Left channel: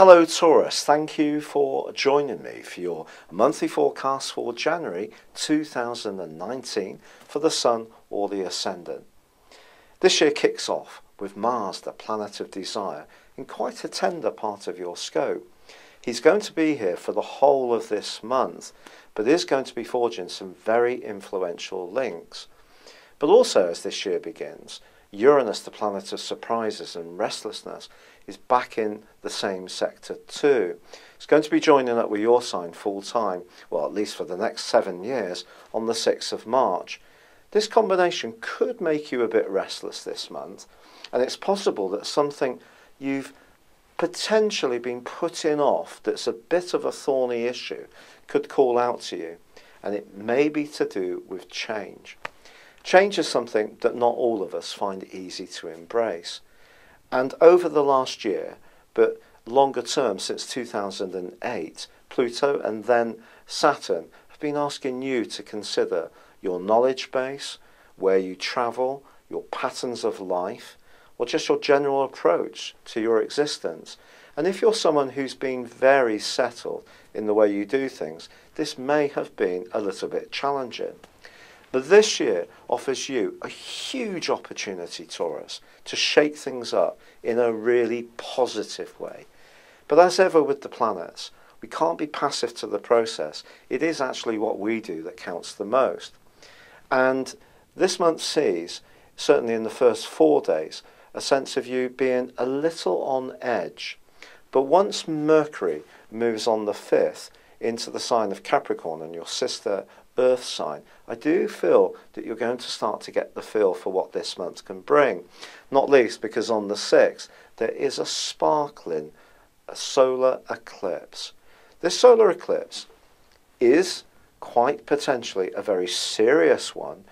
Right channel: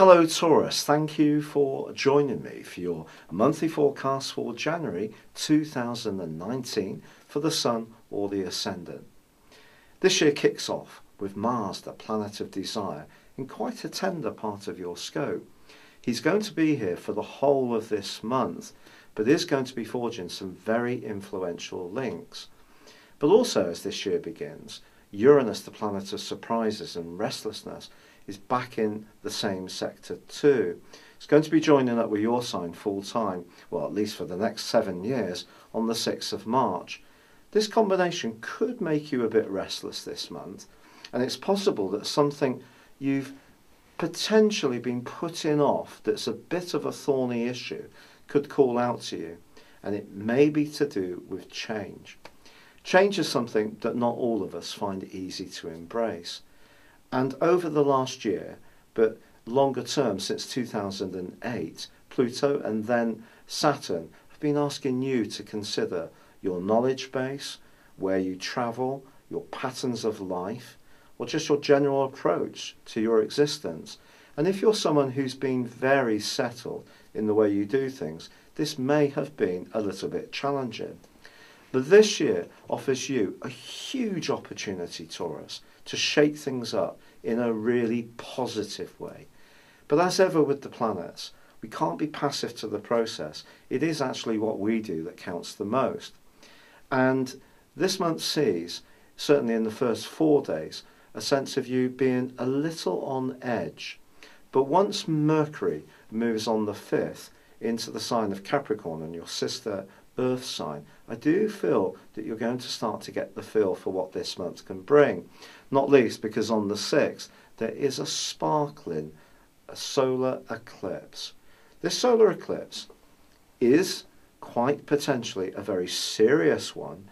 Hello Taurus, thank you for joining me for your monthly forecast for January 2019 for the Sun or the Ascendant. This year kicks off with Mars, the planet of desire, in quite a tender part of your scope. He's going to be here for the whole of this month, but is going to be forging some very influential links. But also as this year begins, Uranus, the planet of surprises and restlessness, is back in the same sector too. It's going to be joining up with your sign full time, well at least for the next 7 years, on the 6th of March. This combination could make you a bit restless this month, and it's possible that something you've potentially been putting off that's a bit of a thorny issue could call out to you, and it may be to do with change. Change is something that not all of us find easy to embrace. And over the last year, but longer term since 2008, Pluto and then Saturn have been asking you to consider your knowledge base, where you travel, your patterns of life, or just your general approach to your existence. And if you're someone who's been very settled in the way you do things, this may have been a little bit challenging. But this year offers you a huge opportunity, Taurus, to shake things up in a really positive way. But as ever with the planets, we can't be passive to the process. It is actually what we do that counts the most. And this month sees, certainly in the first 4 days, a sense of you being a little on edge. But once Mercury moves on the 5th into the sign of Capricorn and your sister Earth sign, I do feel that you're going to start to get the feel for what this month can bring. Not least because on the 6th, there is a sparkling solar eclipse. This solar eclipse is quite potentially a very serious one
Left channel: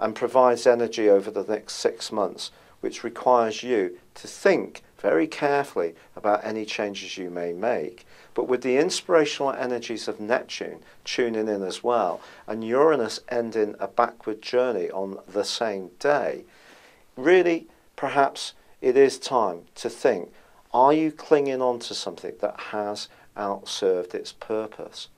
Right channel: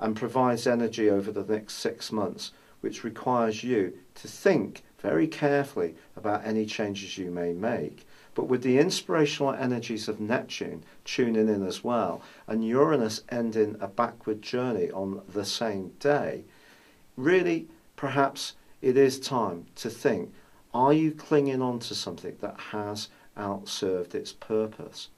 and provides energy over the next 6 months, which requires you to think very carefully about any changes you may make. But with the inspirational energies of Neptune tuning in as well, and Uranus ending a backward journey on the same day, really, perhaps it is time to think, are you clinging on to something that has outserved its purpose?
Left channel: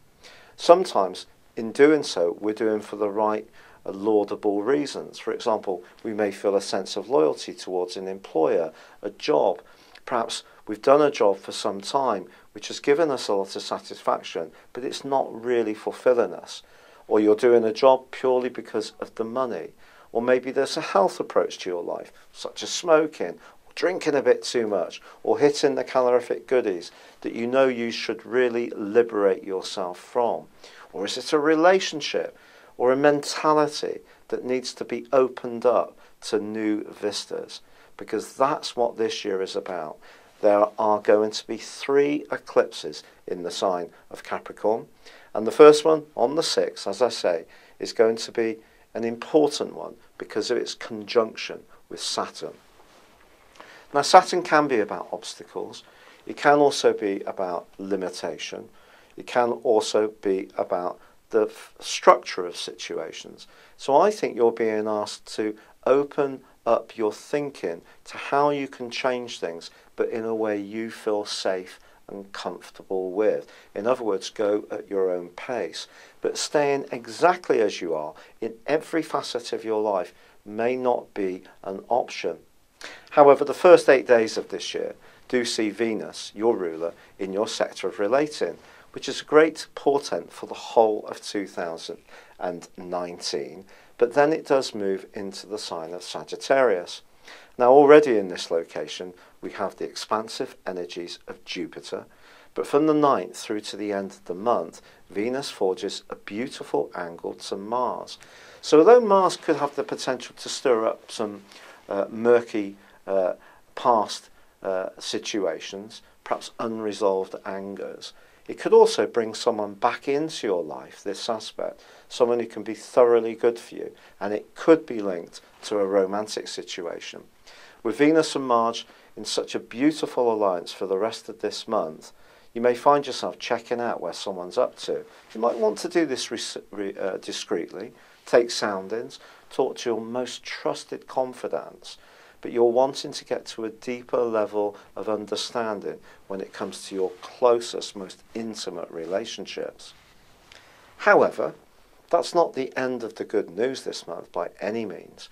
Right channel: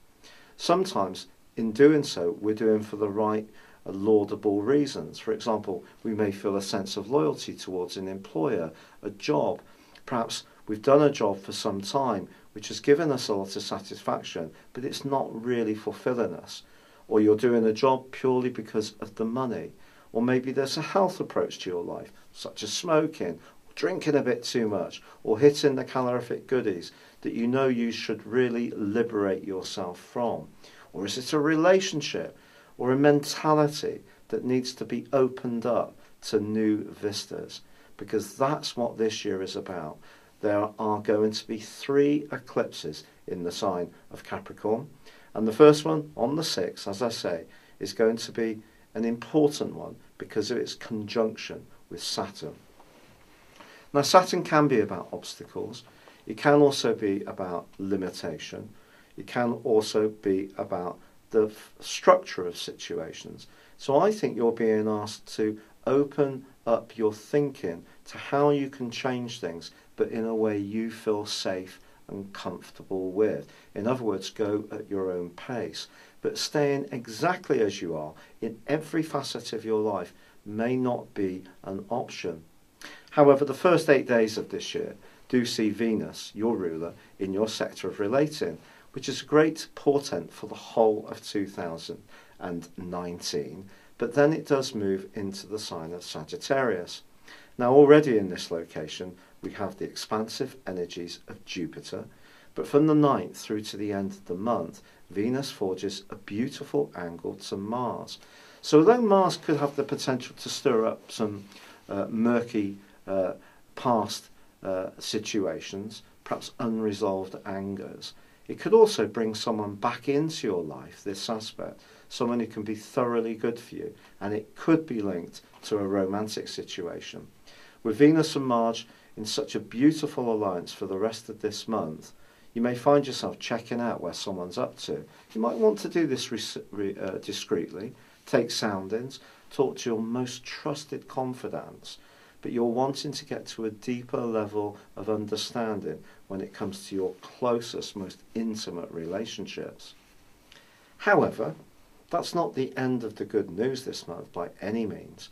Sometimes, in doing so, we're doing for the right laudable reasons. For example, we may feel a sense of loyalty towards an employer, a job. Perhaps we've done a job for some time which has given us a lot of satisfaction, but it's not really fulfilling us. Or you're doing a job purely because of the money. Or maybe there's a health approach to your life, such as smoking, or drinking a bit too much, or hitting the calorific goodies that you know you should really liberate yourself from. Or is it a relationship or a mentality that needs to be opened up to new vistas? Because that's what this year is about. There are going to be 3 eclipses in the sign of Capricorn. And the first one, on the 6th, as I say, is going to be an important one because of its conjunction with Saturn. Now, Saturn can be about obstacles. It can also be about limitation. It can also be about the structure of situations. So I think you're being asked to open up your thinking to how you can change things, but in a way you feel safe and comfortable with. In other words, go at your own pace. But staying exactly as you are in every facet of your life may not be an option. However, the first 8 days of this year do see Venus, your ruler, in your sector of relating, which is a great portent for the whole of 2019. But then it does move into the sign of Sagittarius. Now, already in this location, we have the expansive energies of Jupiter, but from the 9th through to the end of the month, Venus forges a beautiful angle to Mars. So although Mars could have the potential to stir up some murky past situations, perhaps unresolved angers, it could also bring someone back into your life, this aspect, someone who can be thoroughly good for you, and it could be linked to a romantic situation. With Venus and Mars in such a beautiful alliance for the rest of this month, you may find yourself checking out where someone's up to. You might want to do this discreetly, take soundings, talk to your most trusted confidants, but you're wanting to get to a deeper level of understanding when it comes to your closest, most intimate relationships. However, that's not the end of the good news this month by any means,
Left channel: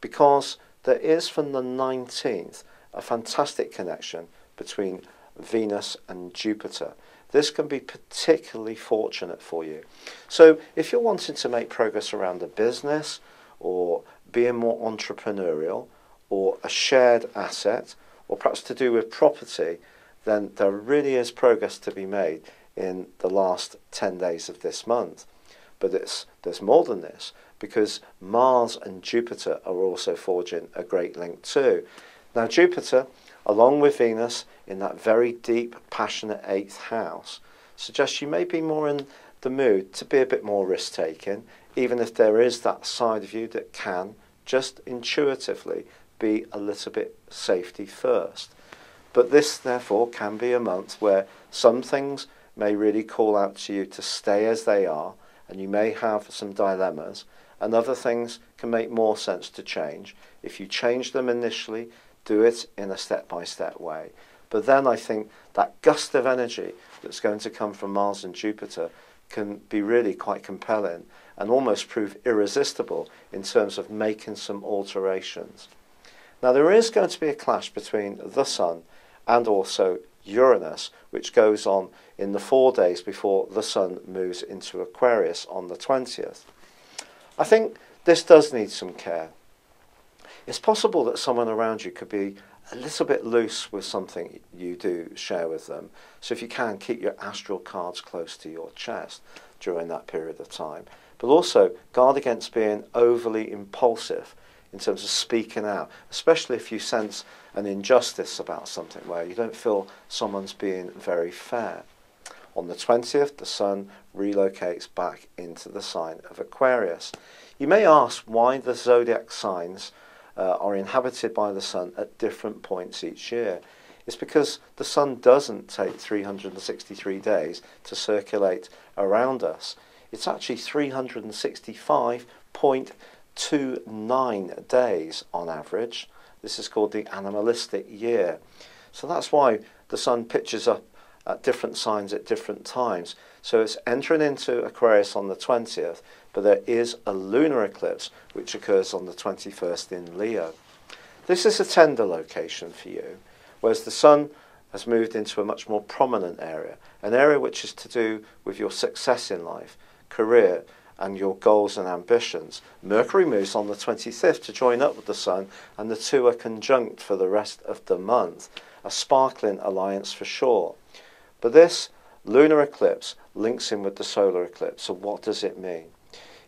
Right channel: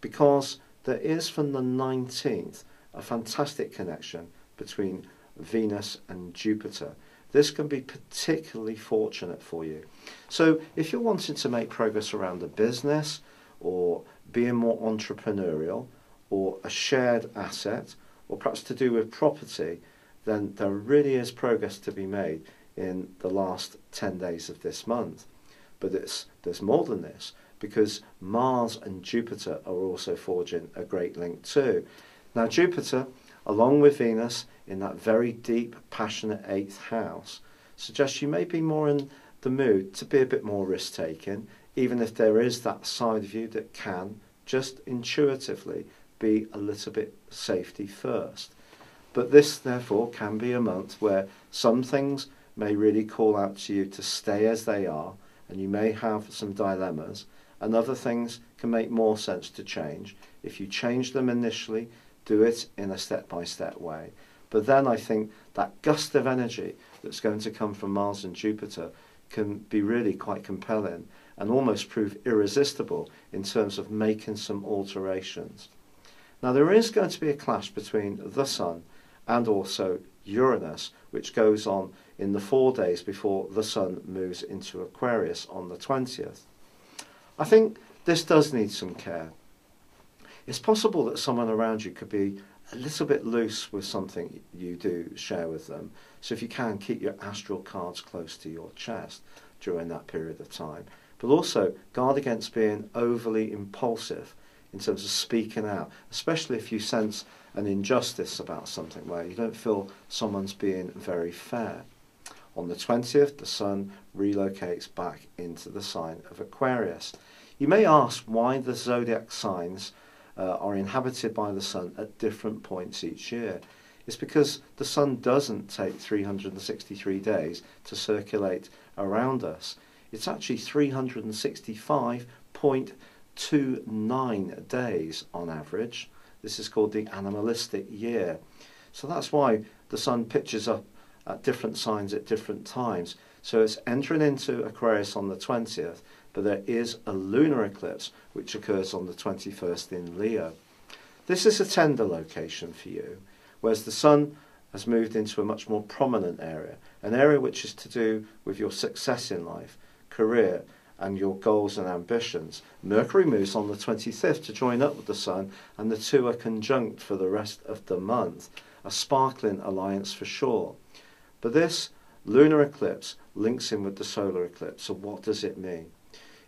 because there is from the 19th a fantastic connection between Venus and Jupiter. This can be particularly fortunate for you. So if you're wanting to make progress around a business or being more entrepreneurial or a shared asset or perhaps to do with property, then there really is progress to be made in the last 10 days of this month. But there's more than this, because Mars and Jupiter are also forging a great link too. Now Jupiter, along with Venus, in that very deep, passionate 8th house, suggests you may be more in the mood to be a bit more risk-taking, even if there is that side of you that can, just intuitively, be a little bit safety first. But this, therefore, can be a month where some things may really call out to you to stay as they are, and you may have some dilemmas, and other things can make more sense to change. If you change them initially, do it in a step-by-step way. But then I think that gust of energy that's going to come from Mars and Jupiter can be really quite compelling and almost prove irresistible in terms of making some alterations. Now there is going to be a clash between the Sun and also Uranus, which goes on in the 4 days before the Sun moves into Aquarius on the 20th. I think this does need some care. It's possible that someone around you could be a little bit loose with something you do share with them. So if you can, keep your astral cards close to your chest during that period of time. But also guard against being overly impulsive in terms of speaking out, especially if you sense an injustice about something where you don't feel someone's being very fair. On the 20th, the Sun relocates back into the sign of Aquarius. You may ask why the zodiac signs are inhabited by the Sun at different points each year. It's because the Sun doesn't take 363 days to circulate around us. It's actually 365.29 days on average. This is called the animalistic year. So that's why the Sun pitches up at different signs at different times. So it's entering into Aquarius on the 20th, but there is a lunar eclipse which occurs on the 21st in Leo. This is a tender location for you, whereas the Sun has moved into a much more prominent area, an area which is to do with your success in life, career, and your goals and ambitions. Mercury moves on the 25th to join up with the Sun, and the two are conjunct for the rest of the month. A sparkling alliance for sure. But this lunar eclipse links in with the solar eclipse. So what does it mean?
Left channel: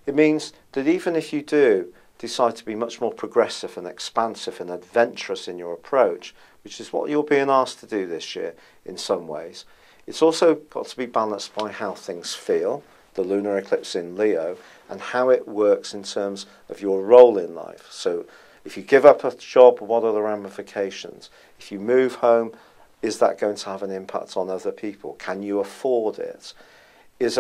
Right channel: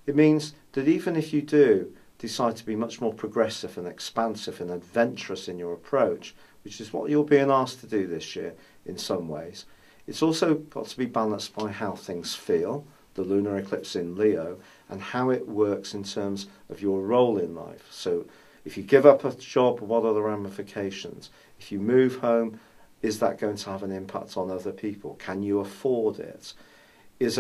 It means that even if you do decide to be much more progressive and expansive and adventurous in your approach, which is what you're being asked to do this year in some ways, it's also got to be balanced by how things feel, the lunar eclipse in Leo, and how it works in terms of your role in life. So if you give up a job, what are the ramifications? If you move home, is that going to have an impact on other people? Can you afford it? Is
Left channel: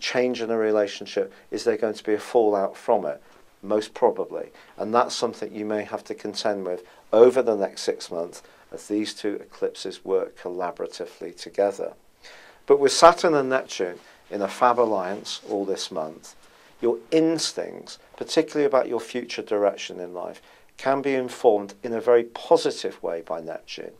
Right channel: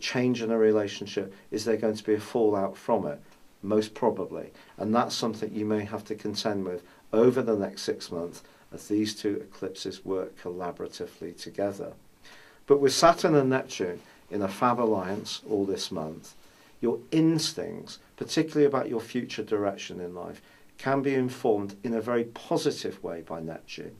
changing a relationship, is there going to be a fallout from it? Most probably. And that's something you may have to contend with over the next 6 months as these two eclipses work collaboratively together. But with Saturn and Neptune in a fab alliance all this month, your instincts, particularly about your future direction in life, can be informed in a very positive way by Neptune.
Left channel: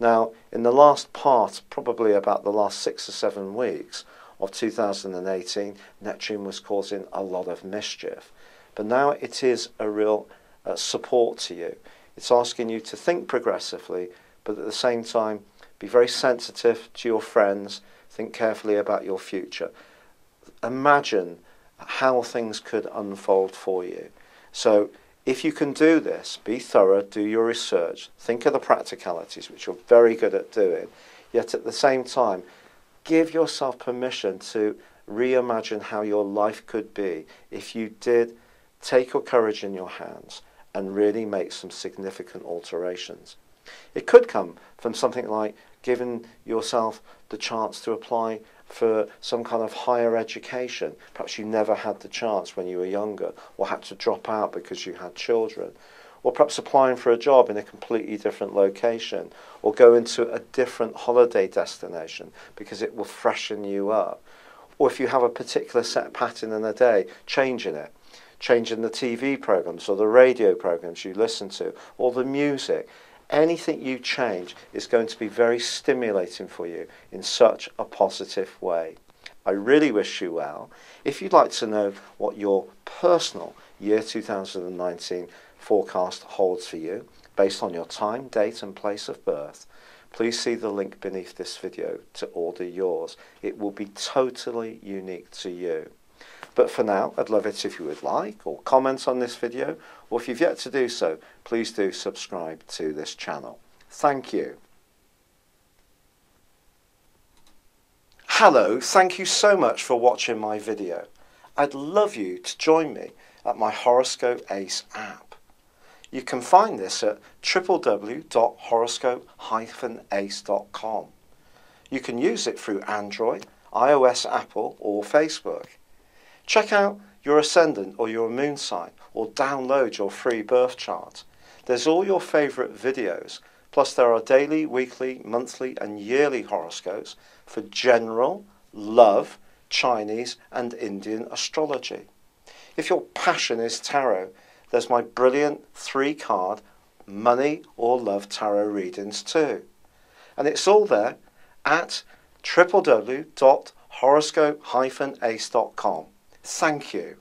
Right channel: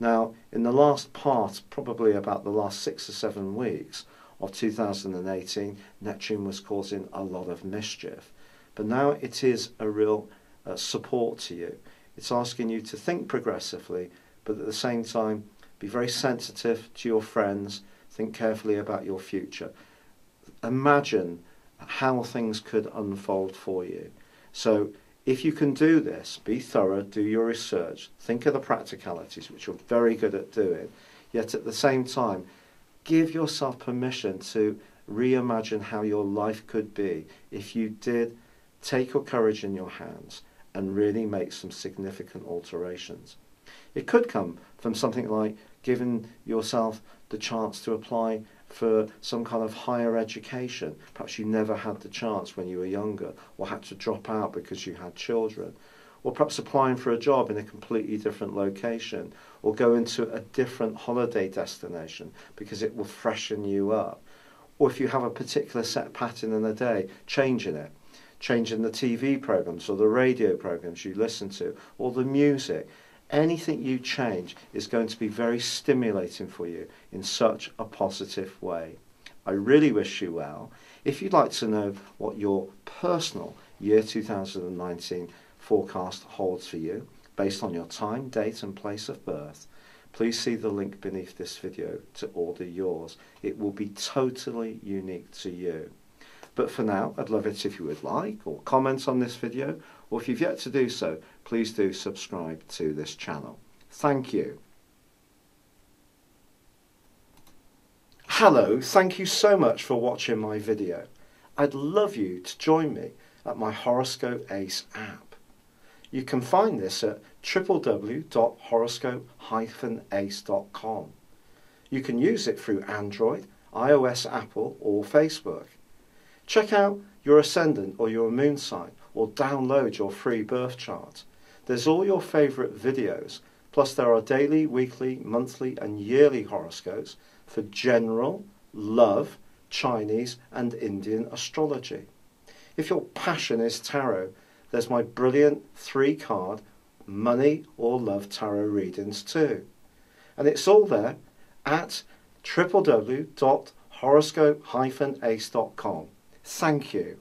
Now, in the last part, probably about the last 6 or 7 weeks of 2018, Neptune was causing a lot of mischief. But now it is a real support to you. It's asking you to think progressively, but at the same time, be very sensitive to your friends, think carefully about your future. Imagine how things could unfold for you. So if you can do this, be thorough, do your research, think of the practicalities, which you're very good at doing, yet at the same time, give yourself permission to reimagine how your life could be if you did take your courage in your hands and really make some significant alterations. It could come from something like giving yourself the chance to apply for some kind of higher education. Perhaps you never had the chance when you were younger, or had to drop out because you had children. or perhaps applying for a job in a completely different location, or go into a different holiday destination because it will freshen you up. Or if you have a particular set pattern in a day, changing it. Changing the TV programs or the radio programs you listen to, or the music. Anything you change is going to be very stimulating for you in such a positive way. I really wish you well. If you'd like to know what your personal year 2019 forecast holds for you, based on your time, date and place of birth, please see the link beneath this video to order yours. It will be totally unique to you. But for now, I'd love it if you would like or comment on this video, or if you've yet to do so, please do subscribe to this channel. Thank you. Hello, thank you so much for watching my video. I'd love you to join me at my Horoscope Ace app. You can find this at www.horoscope-ace.com. You can use it through Android, iOS, Apple or Facebook. Check out your ascendant or your moon sign, or download your free birth chart. There's all your favourite videos, plus there are daily, weekly, monthly and yearly horoscopes for general, love, Chinese and Indian astrology. If your passion is tarot, there's my brilliant 3-card money or love tarot readings too. And it's all there at www.horoscope-ace.com. Thank you.